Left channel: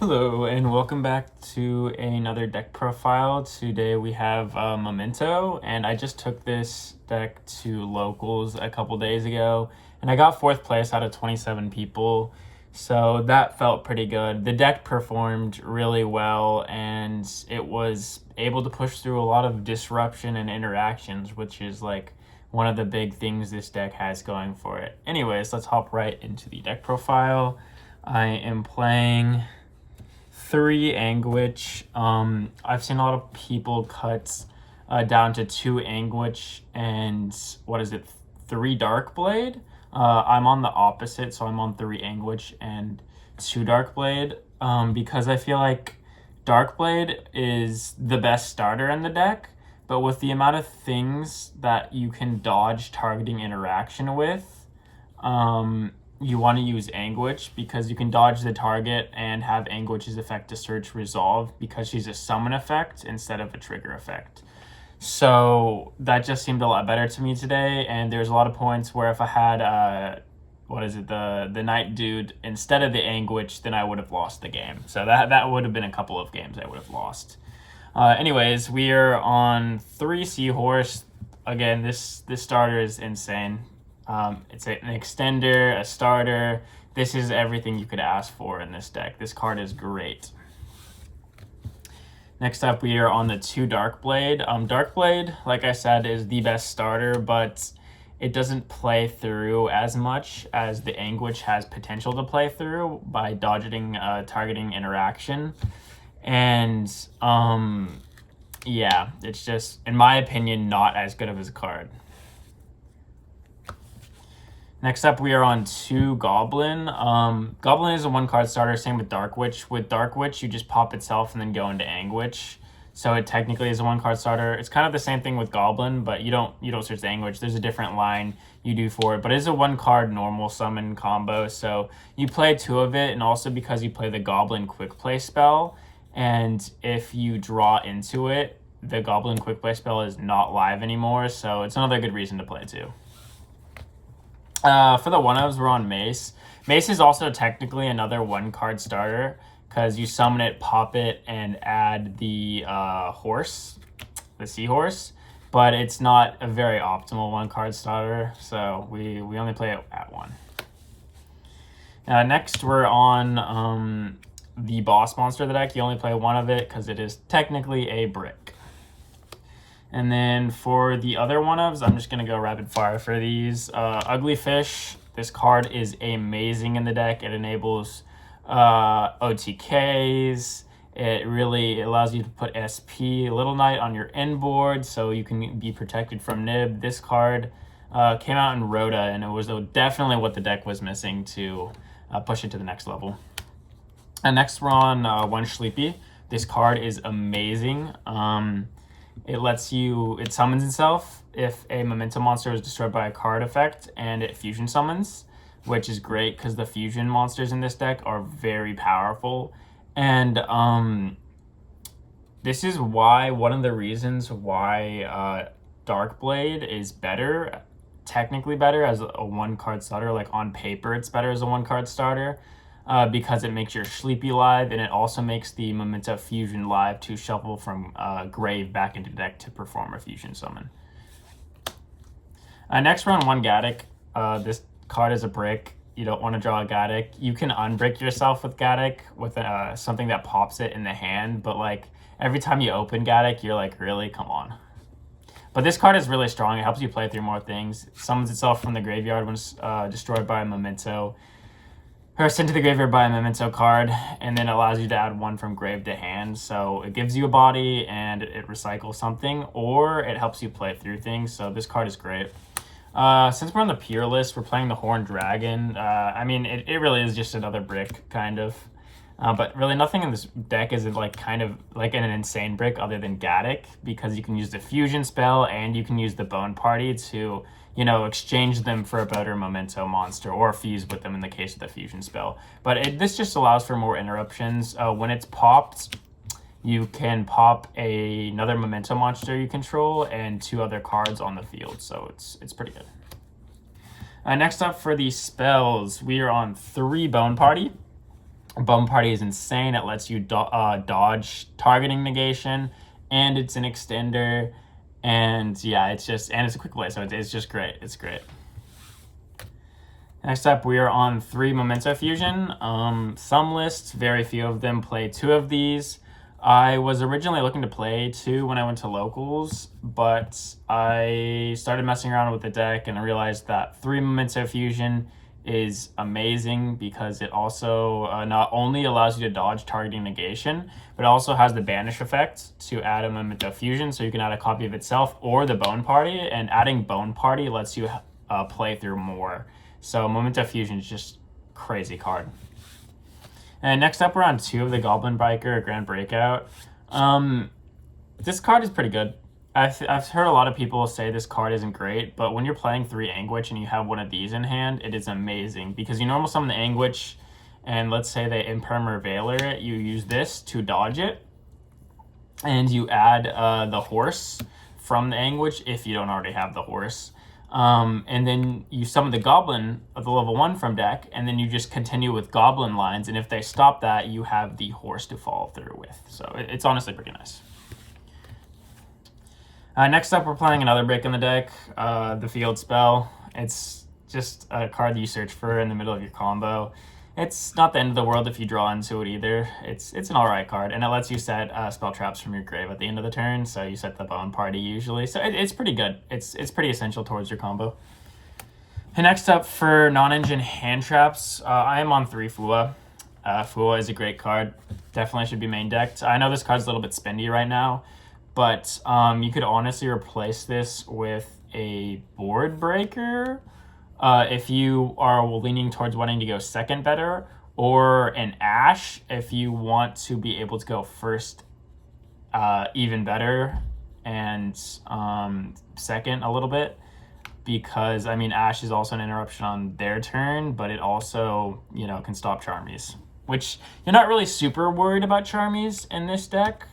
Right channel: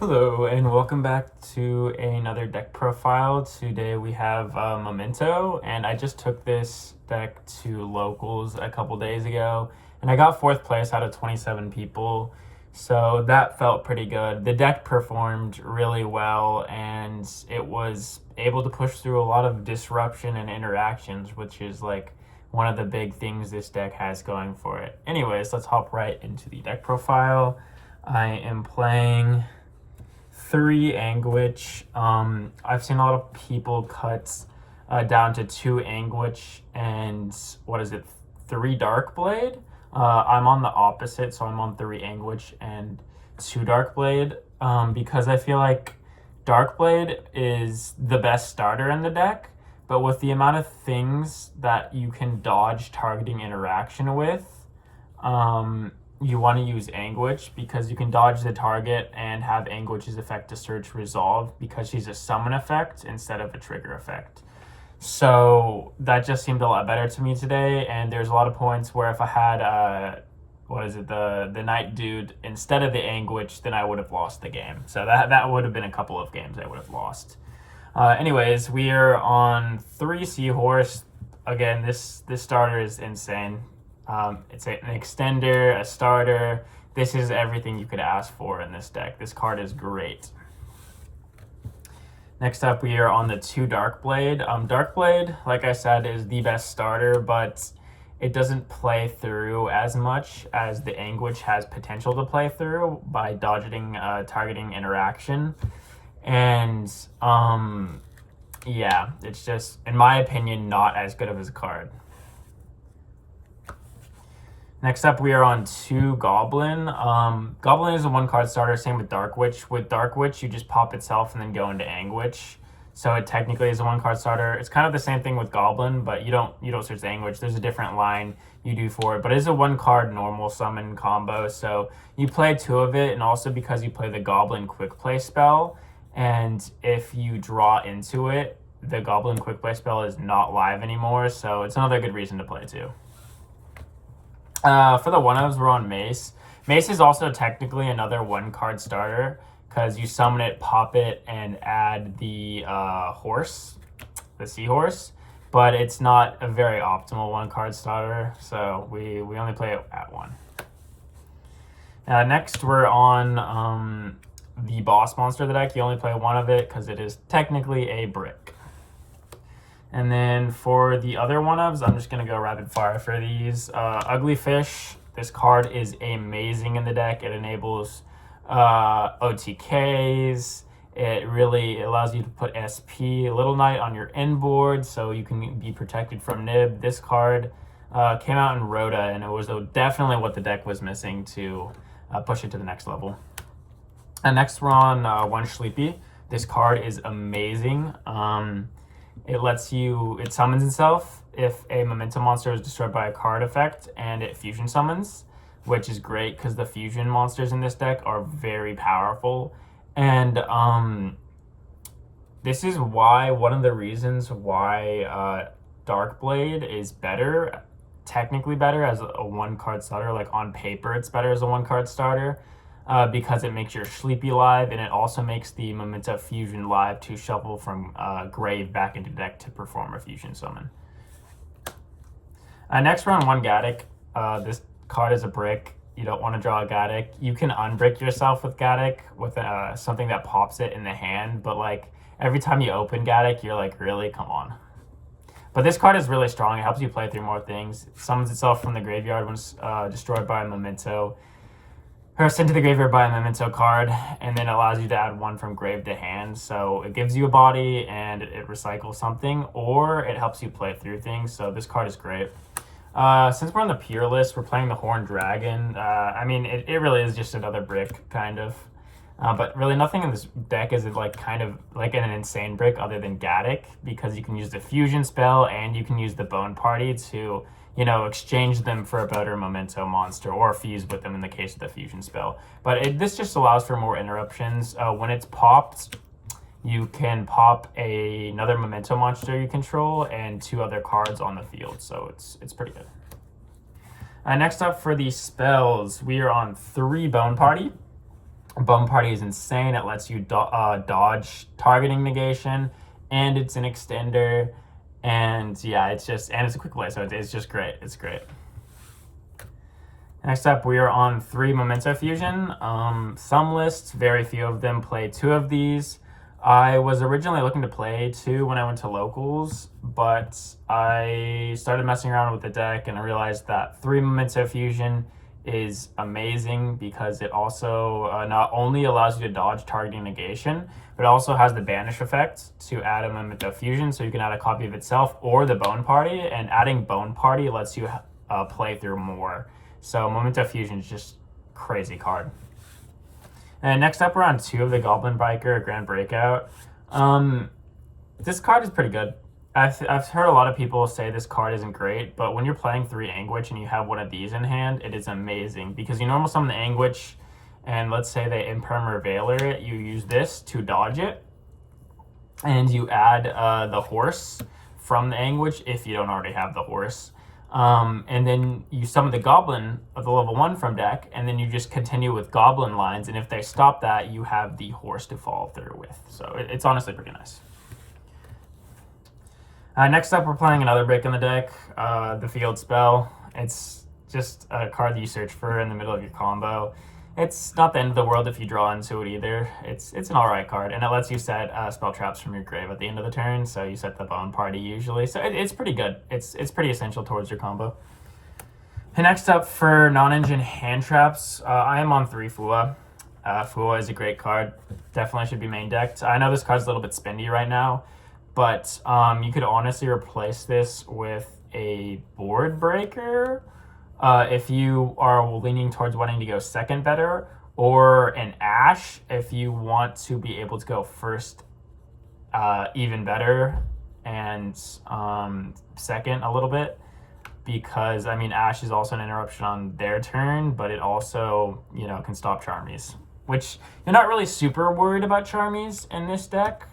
Hello and welcome back to another deck profile. Today we have Memento, and I just took this deck to locals a couple days ago and I got 4th place out of 27 people, so that felt pretty good. The deck performed really well and it was able to push through a lot of disruption and interactions, which is like one of the big things this deck has going for it. Anyways, let's hop right into the deck profile. I am playing 3 Anguish. I've seen a lot of people cut down to 2 Anguish and what is it, 3 Darkblade. I'm on the opposite, so I'm on 3 Anguish and 2 Darkblade, because I feel like Darkblade is the best starter in the deck, but with the amount of things that you can dodge targeting interaction with, you want to use Anguish because you can dodge the target and have Anguish's effect to search resolve because she's a summon effect instead of a trigger effect. So that just seemed a lot better to me today, and there's a lot of points where if I had the Night Dude instead of the Anguish, then I would have lost the game. So that would have been a couple of games I would have lost. Anyways, we are on 3 Seahorse. Again, this starter is insane. It's an extender, a starter. This is everything you could ask for in this deck. This card is great. Next up, we are on the 2 Darkblade. Darkblade, like I said, is the best starter, but it doesn't play through as much as the Anguish has potential to play through by dodging targeting interaction. And yeah, it's just, in my opinion, not as good of a card. Next up, we are on 2 Goblin. Goblin is a 1-card starter, same with Dark Witch. With Dark Witch, you just pop itself and then go into Anguish. So it technically is a 1-card starter. It's kind of the same thing with Goblin, but you don't search the Anguish. There's a different line you do for it, but it is a 1-card normal summon combo. So you play 2 of it, and also because you play the Goblin Quick Play spell, and if you draw into it, the Goblin Quick Play spell is not live anymore, so it's another good reason to play 2. For the 1-ofs, we're on Mace. Mace is also technically another 1-card starter because you summon it, pop it, and add the horse, the seahorse, but it's not a very optimal 1-card starter, so we only play it at 1. Next, we're on the boss monster of the deck. You only play 1 of it because it is technically a brick. And then for the other 1-ofs, I'm just going to go rapid fire for these. Ugly Fish, this card is amazing in the deck. It enables OTKs. It really allows you to put SP Little Knight on your end board so you can be protected from Nib. This card came out in Rhoda, and it was definitely what the deck was missing to push it to the next level. And next we're on 1 Sleepy. This card is amazing. It summons itself if a Memento monster is destroyed by a card effect, and it fusion summons, which is great because the fusion monsters in this deck are very powerful. And this is one of the reasons why Darkblade is better, technically better as a 1-card starter. Like on paper, it's better as a 1-card starter. Because it makes your Sleepy live, and it also makes the Memento Fusion live to shuffle from grave back into deck to perform a fusion summon. Next, we're on 1 Gaddock. This card is a brick. You don't want to draw a Gaddock. You can unbrick yourself with Gaddock with something that pops it in the hand, but like every time you open Gaddock, you're like, really? Come on. But this card is really strong. It helps you play through more things. It summons itself from the graveyard when it's destroyed by a Memento, or sent to the graveyard by a Memento card, and then allows you to add 1 from grave to hand. So it gives you a body and it recycles something, or it helps you play through things. So this card is great. Since we're on the Pure list, we're playing the Horned Dragon. I mean, it really is just another brick, kind of. But really nothing in this deck is like kind of like an insane brick other than Gaddock, because you can use the fusion spell and you can use the Bone Party to, exchange them for a better Memento monster or fuse with them in the case of the fusion spell. But this just allows for more interruptions. When it's popped, you can pop another Memento monster you control and 2 other cards on the field, so it's pretty good. Next up for the spells, we are on 3 Bone Party. Bone Party is insane. It lets you dodge targeting negation, and it's an extender. And yeah, it's a quick play, so it's just great. It's great. Next up, we are on 3 Memento Fusion. Some lists, very few of them play 2 of these. I was originally looking to play 2 when I went to locals, but I started messing around with the deck and I realized that 3 Memento Fusion is amazing because it also not only allows you to dodge targeting negation, but it also has the banish effect to add a Memento Fusion, so you can add a copy of itself or the Bone Party, and adding Bone Party lets you play through more. So Memento Fusion is just crazy card. And next up, we're on 2 of the Goblin Biker Grand Breakout. This card is pretty good. I've heard a lot of people say this card isn't great, but when you're playing 3 Anguish and you have one of these in hand, it is amazing because you normal summon the Anguish, and let's say they Imperm or Veiler it, you use this to dodge it, and you add the horse from the Anguish if you don't already have the horse. And then you summon the Goblin of the level 1 from deck, and then you just continue with Goblin lines, and if they stop that, you have the horse to follow through with. So it's honestly pretty nice. Next up, we're playing another brick in the deck, the Field Spell. It's just a card that you search for in the middle of your combo. It's not the end of the world if you draw into it either. It's an alright card, and it lets you set spell traps from your grave at the end of the turn, so you set the Bone Party usually. So it's pretty good. It's pretty essential towards your combo. And next up for non-engine hand traps, I am on 3 Fua. Fua is a great card. Definitely should be main decked. I know this card's a little bit spendy right now, but you could honestly replace this with a board breaker if you are leaning towards wanting to go second better, or an Ash if you want to be able to go first even better and second a little bit, because I mean Ash is also an interruption on their turn, but it also, you know, can stop Charmies, which you're not really super worried about Charmies in this deck.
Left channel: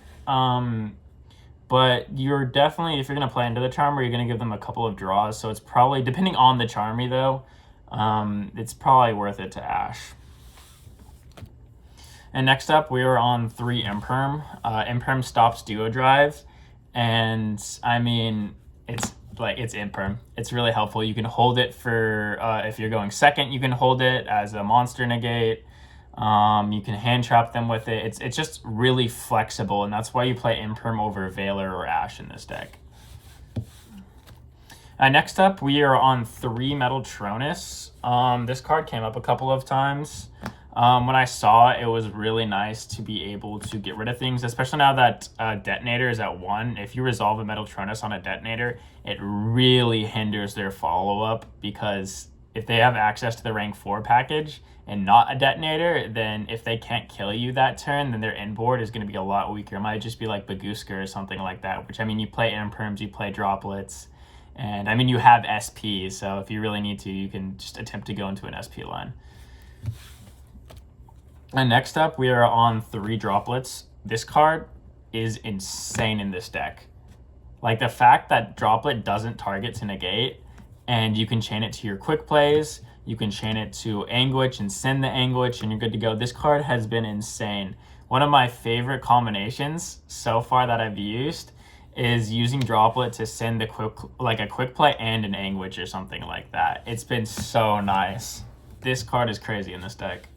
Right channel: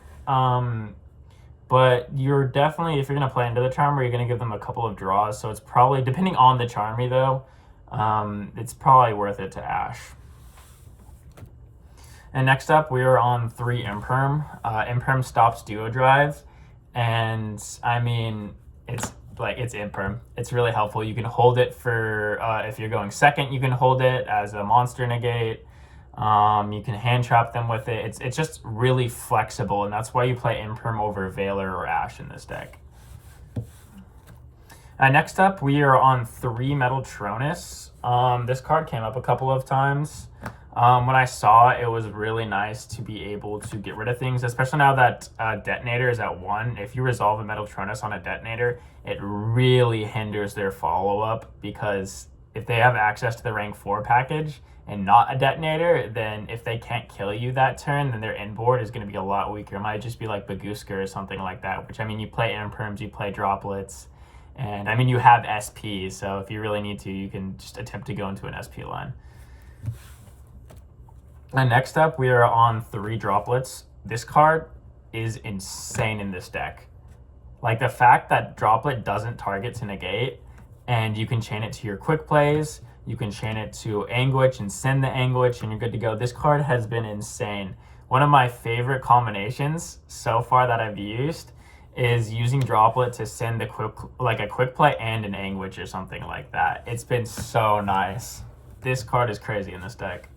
But you're definitely, if you're going to play into the Charmer, you're going to give them a couple of draws. So it's probably, depending on the Charmy though, it's probably worth it to Ash. And next up, we are on 3 Imperm. Imperm stops Duo Drive. And I mean, it's Imperm. It's really helpful. You can hold it for, if you're going second, you can hold it as a monster negate. You can hand trap them with it. It's just really flexible, and that's why you play Imperm over Veiler or Ash in this deck. Next up, we are on 3 Metal Tronus. This card came up a couple of times. When I saw it, it was really nice to be able to get rid of things, especially now that Detonator is at 1. If you resolve a Metal Tronus on a Detonator, it really hinders their follow-up, because if they have access to the rank 4 package and not a Detonator, then if they can't kill you that turn, then their inboard is going to be a lot weaker. It might just be like Baguska or something like that, which, I mean, you play Imperms, you play Droplets, and I mean, you have SP, so if you really need to, you can just attempt to go into an SP line. And next up, we are on 3 Droplets. This card is insane in this deck. Like, the fact that Droplet doesn't target to negate, and you can chain it to your quick plays, you can chain it to Anguish and send the Anguish, and you're good to go. This card has been insane. One of my favorite combinations so far that I've used is using Droplet to send the a quick play and an Anguish or something like that. It's been so nice. This card is crazy in this deck.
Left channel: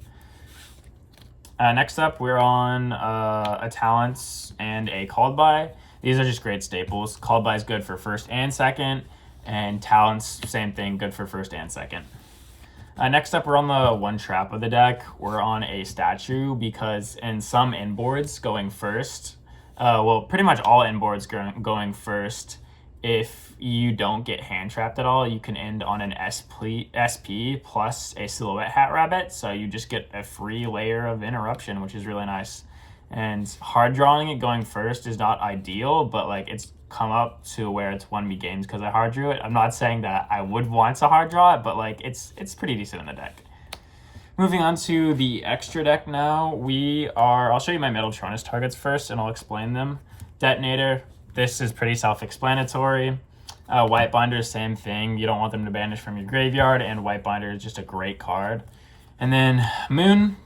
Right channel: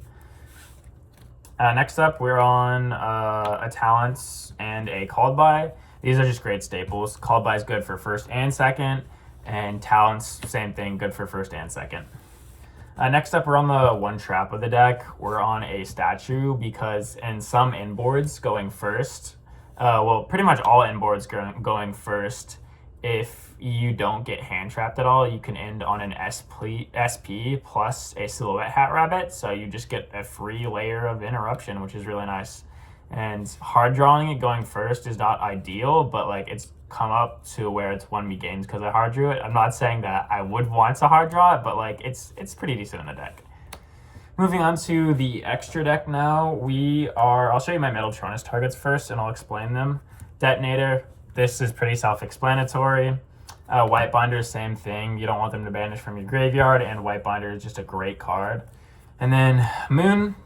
Next up, we're on a Talents and a Called By. These are just great staples. Called By is good for first and second, and Talents, same thing, good for first and second. Next up, we're on the 1 trap of the deck. We're on a Statue, because in some inboards going first, well, pretty much all inboards going first, if you don't get hand trapped at all, you can end on an SP plus a Silhouette Hat Rabbit, so you just get a free layer of interruption, which is really nice. And hard drawing it going first is not ideal, but like, it's come up to where it's won me games because I hard drew it. I'm not saying that I would want to hard draw it, but like, it's pretty decent in the deck. Moving on to the extra deck now, I'll show you my Metal Tronus targets first and I'll explain them. Detonator, this is pretty self-explanatory. White Binder, same thing. You don't want them to banish from your graveyard, and White Binder is just a great card. And then Moon,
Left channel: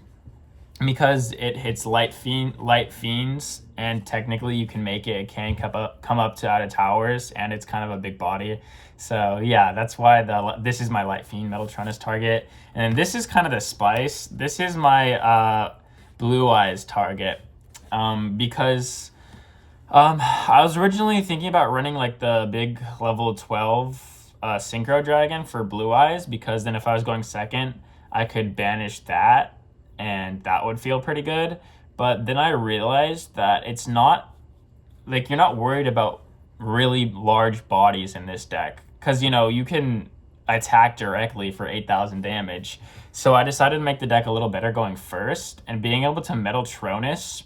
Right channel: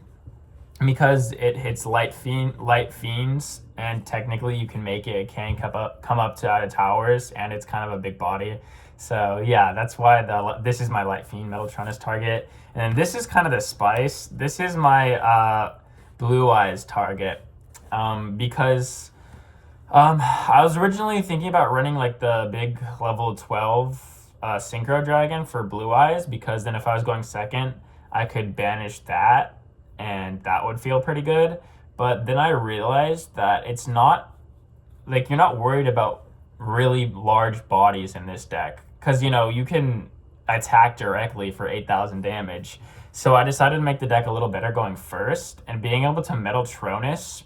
because it hits light fiends, and technically you can make it. It can come up to out of towers, and it's kind of a big body. So yeah, that's why this is my light fiend Metaltronus target, and this is kind of the spice. This is my blue eyes target, because I was originally thinking about running like the big level 12 synchro dragon for blue eyes, because then if I was going second, I could banish that and that would feel pretty good. But then I realized that it's not like, you're not worried about really large bodies in this deck, because you can attack directly for 8,000 damage. So I decided to make the deck a little better going first, and being able to Metaltronus,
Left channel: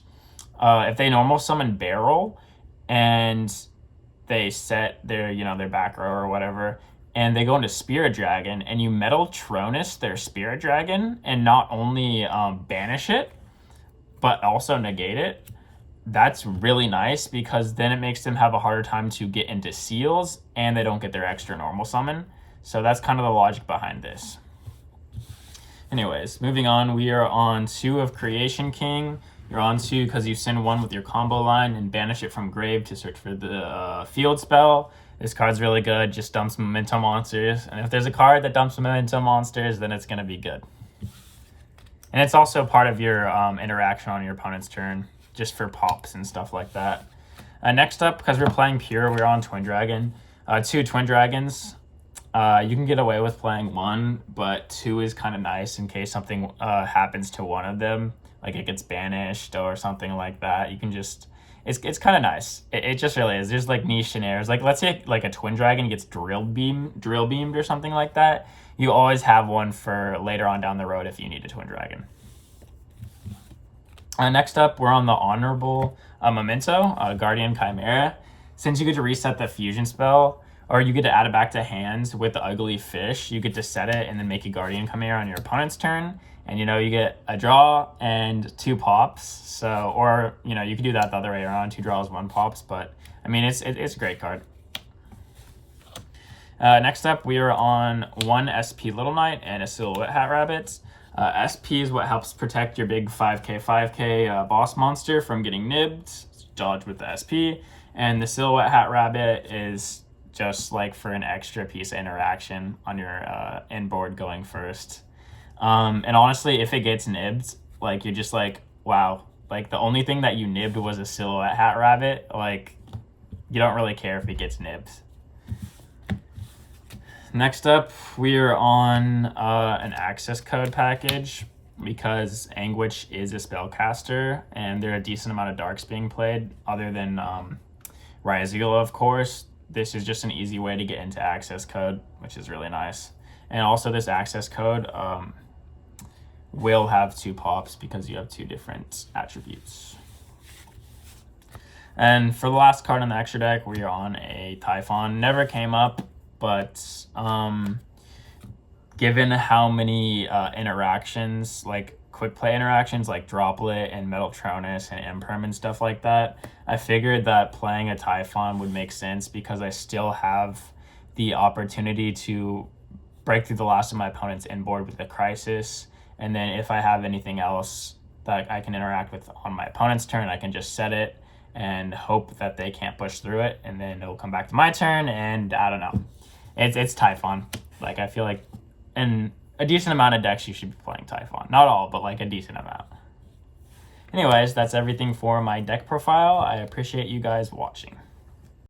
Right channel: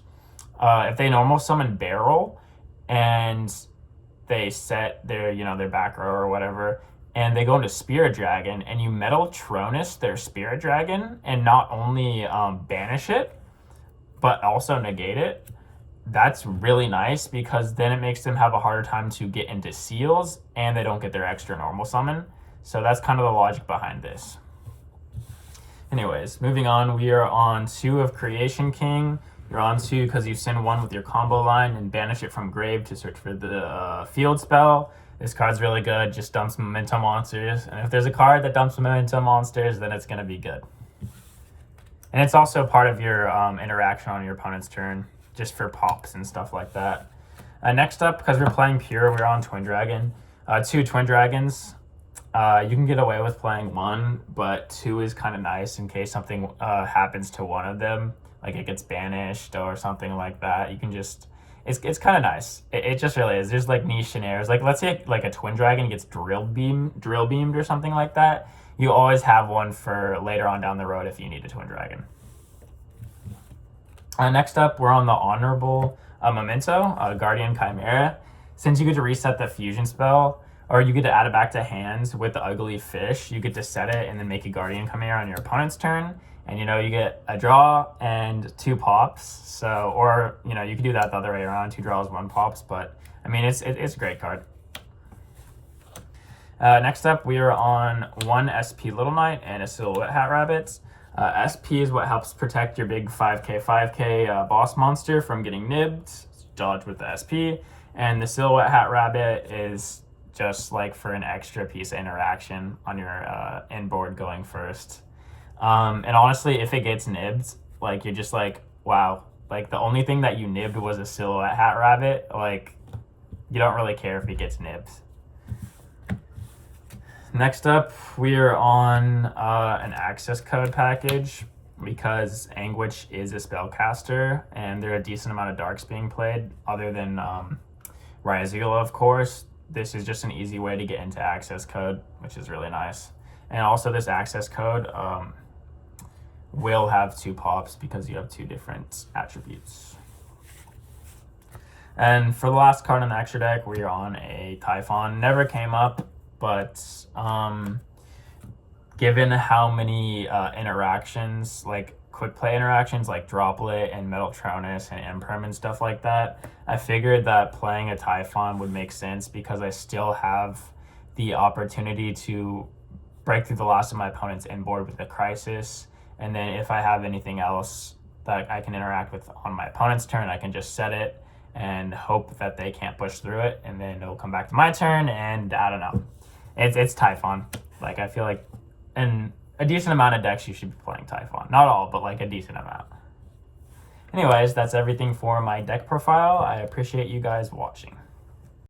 if they normal summon Barrel and they set their back row or whatever, and they go into Spirit Dragon, and you Metaltronus their Spirit Dragon, and not only banish it, but also negate it, that's really nice, because then it makes them have a harder time to get into seals, and they don't get their extra normal summon. So that's kind of the logic behind this. Anyways, moving on, we are on 2 of Creation King. You're on 2 because you send 1 with your combo line and banish it from grave to search for the field spell. This card's really good, just dumps Memento monsters, and if there's a card that dumps Memento monsters, then it's going to be good. And it's also part of your interaction on your opponent's turn, just for pops and stuff like that. Next up, because we're playing pure, we're on Twin Dragon. 2 Twin Dragons. You can get away with playing 1, but 2 is kind of nice in case something happens to one of them, like it gets banished or something like that. You can just, it's kind of nice. It just really is. There's like niche scenarios. Like let's say like a Twin Dragon gets drill beamed or something like that. You always have one for later on down the road if you need a Twin Dragon. Next up, we're on the Honorable Memento, Guardian Chimera. Since you get to reset the fusion spell, or you get to add it back to hands with the Ugly Fish, you get to set it and then make a Guardian Chimera on your opponent's turn. And you get a draw and 2 pops. So, or you could do that the other way around, 2 draws, 1 pops. But I mean, it's a great card. Next up, we are on 1 SP Little Knight and a Silhouette Hat Rabbit. SP is what helps protect your big 5k boss monster from getting nibbed. Dodge with the SP. And the Silhouette Hat Rabbit is just like for an extra piece of interaction on your inboard going first. And honestly, if it gets nibbed, like you're just like, wow, like the only thing that you nibbed was a Silhouette Hat Rabbit. Like you don't really care if it gets nibbed. Next up, we are on an access code package, because Anguish is a spellcaster and there are a decent amount of darks being played other than YuGiOh, of course. This is just an easy way to get into access code, which is really nice. And also this access code will have 2 pops because you have 2 different attributes. And for the last card in the extra deck, we are on a Typhon. Never came up, but given how many interactions, like quick play interactions like Droplet and Metaltronus and Imperm and stuff like that, I figured that playing a Typhon would make sense, because I still have the opportunity to break through the last of my opponent's inboard with a Crisis, and then if I have anything else that I can interact with on my opponent's turn, I can just set it and hope that they can't push through it, and then it'll come back to my turn, and I don't know. It's Typhon. Like, I feel like in a decent amount of decks you should be playing Typhon. Not all, but like a decent amount. Anyways, that's everything for my deck profile. I appreciate you guys watching.